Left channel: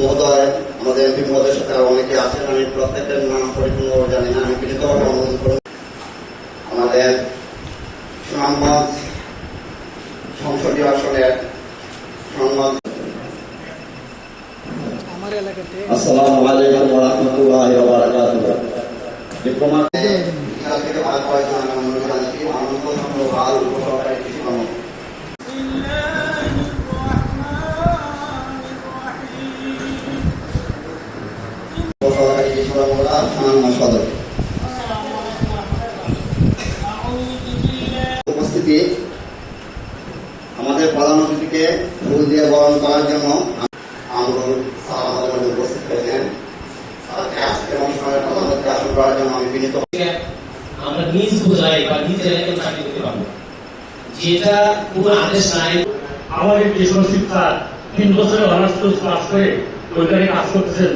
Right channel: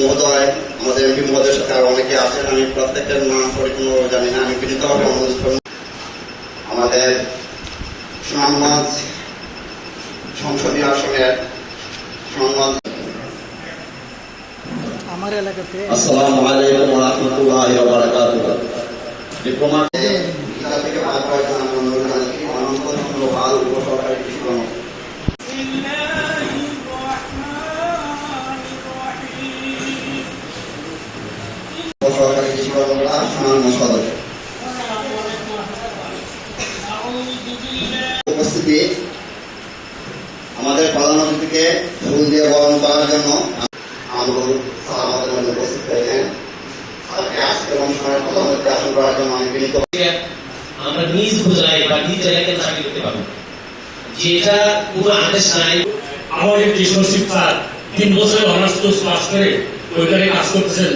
মহোদয়, আমাদের এমপি মহোদয়ের সাথে আরো অনেকে আছেন, আমি প্রত্যেকের নাম পরিপূর্ণ জানি না, আমি বিনীতভাবে অনুরোধ করব আমাদের সুনামগঞ্জ সংসদীয় আসনের সম্মান। আসসালামু আলাইকুম ওয়া রাহমাতুল্লাহি ওয়া বারাকাতুহু। ডিপ্লোমা থেকে ভাগ হওয়ার জন্য আমি অনুরোধ জানাচ্ছি মাননীয় ভালো উপসহকারী কৃষি কর্মকর্তা। উপস্থিতি আমাদের প্রধান অতিথিকে ফুল দিয়ে বরণ করার জন্য আমাদের উপস্থিত হয়েছেন। আজকের অনুষ্ঠানের প্রধানমন্ত্রী আসন করার জন্য আমি বিনীত। আমরা নিজ উপজেলায় বা নিজ এলাকায় চাকরি করতে পারবো, যেটা কোনো আদেশ নাই। আমাদের কৃষক শিক্ষা 3 বছরের অনার্স কোর্স পাস করে ওইখানে কাজ করতেছেন।